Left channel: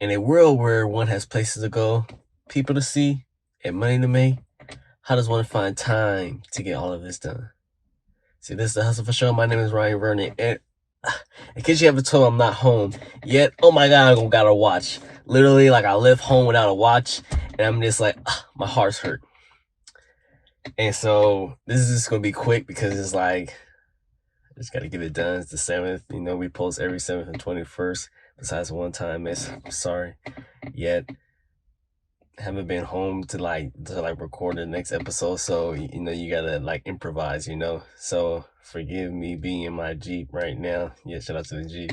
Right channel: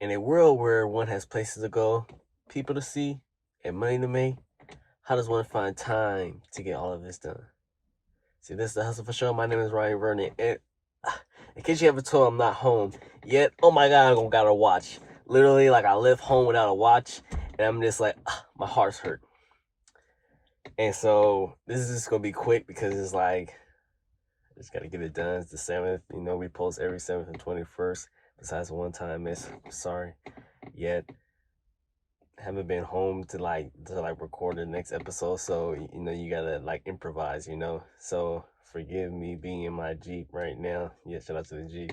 In a world where one has places to go, people to see, and money to make, how does one find time to get all of this done? See, this is the Hustle for Show. My name is Ryan Vernon, and in case you haven't told, I'm not home yet. Oh my God, I got a watch. Literally, like I left home without a watch, and I'm just like, my heart's hurt. And so this is just gonna be quick because it's like I just gotta get it done. It's the 7th. You know, we post every 7th and 21st. Besides one time, miss. Sorry. Yet haven't been home to record the next episode, so you know you gotta like improvise, you know. So forgive me being in my Jeep right now. Yeah, shout out to the Jeep.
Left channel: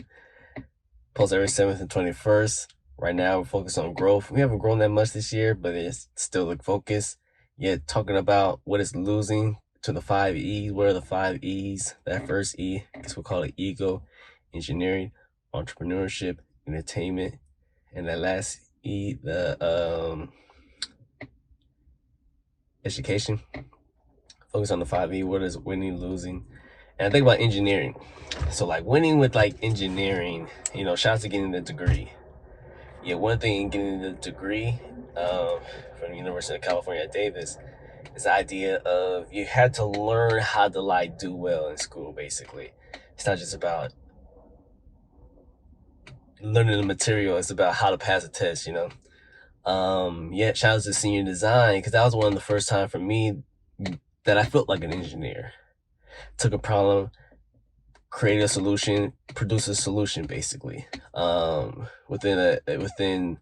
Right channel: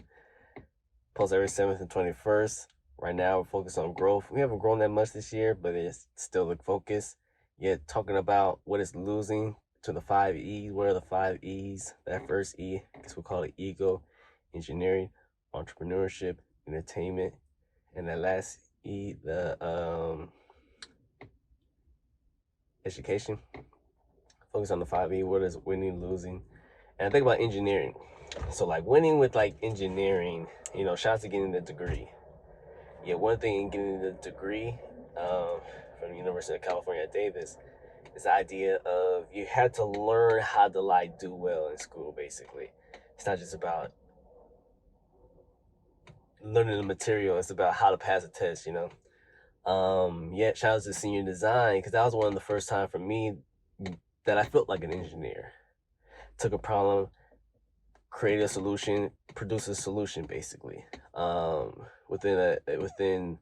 Post every 7th and 21st. Right now we're focused on growth. We haven't grown that much this year, but it's still the focus. Yet talking about what is losing to the 5 E's. What are the 5 E's? That first E, I guess we'll call it ego, engineering, entrepreneurship, entertainment, and that last E, the education. Focus on the 5E. What is winning, losing? And I think about engineering. So like winning with like engineering, you know, shout out to getting the degree. Yeah, one thing in getting the degree from the University of California at Davis is the idea of you had to learn how to like do well in school, basically. It's not just about learning the material, it's about how to pass a test, you know. Yeah, shout out to senior design, because that was one of the first time for me that I felt like an engineer. Took a problem, create a solution, produce a solution, basically, within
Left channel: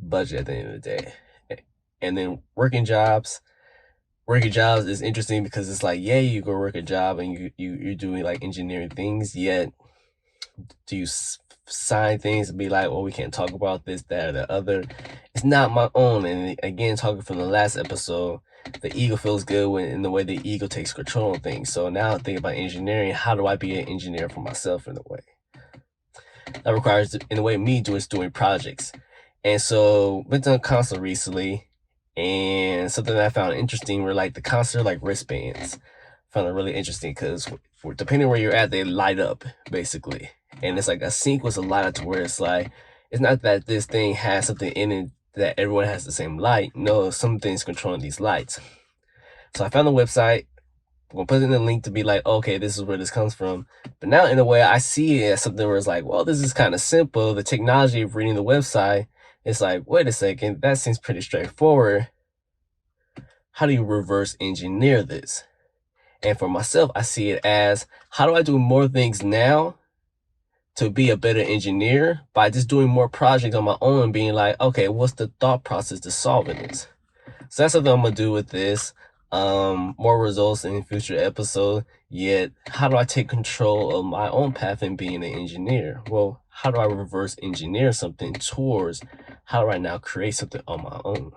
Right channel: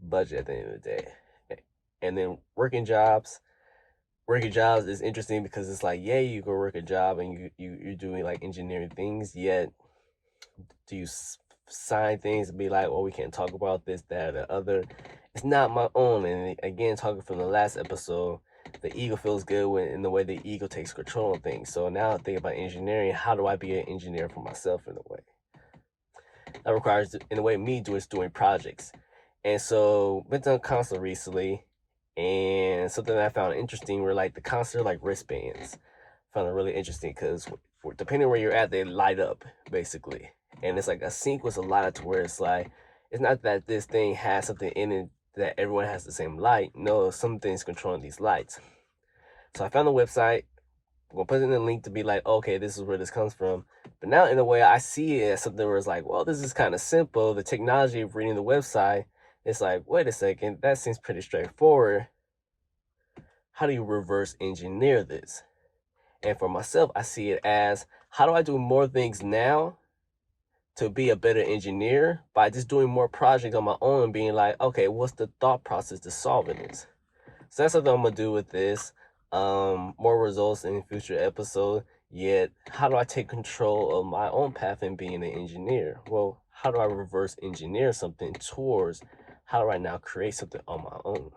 budget at the end of the day. And then working jobs is interesting because it's like, yeah, you go work a job and you're doing like engineering things, yet do you sign things and be like, well, we can't talk about this, that, or the other. It's not my own. And again, talking from the last episode, the ego feels good when in the way the ego takes control of things. So now I think about engineering. How do I be an engineer for myself in a way? That requires, in a way, me doing projects. And so been to a concert recently, and something that I found interesting were like the concert like wristbands. Found it really interesting because depending where you're at, they light up basically. And it's like a sync was a light to where it's like, it's not that this thing has something in it that everyone has the same light. No, something's controlling these lights. So I found the website. I'm gonna put in the link to be like, okay, this is where this comes from. But now in a way, I see it as something where it's like, well, this is kind of simple. The technology of reading the website, it's like, wait a second, that seems pretty straightforward. How do you reverse engineer this? And for myself, I see it as, how do I do more things now to be a better engineer by just doing more projects on my own and being like, okay, what's the thought process to solving this? So that's something I'm gonna do with this. More results in future episode. Yet, how do I take control of my own path in being an engineer? Well, how do I reverse engineer something towards how do I now create something on my own?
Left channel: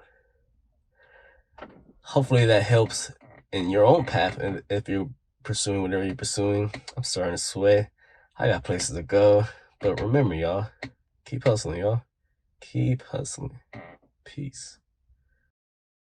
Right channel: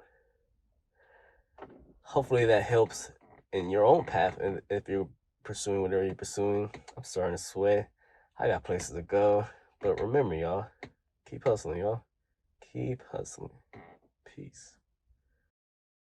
Hopefully that helps in your own path. And if you're pursuing whatever you're pursuing, I'm starting to sweat. I got places to go. But remember, y'all, keep hustling, y'all. Keep hustling. Peace.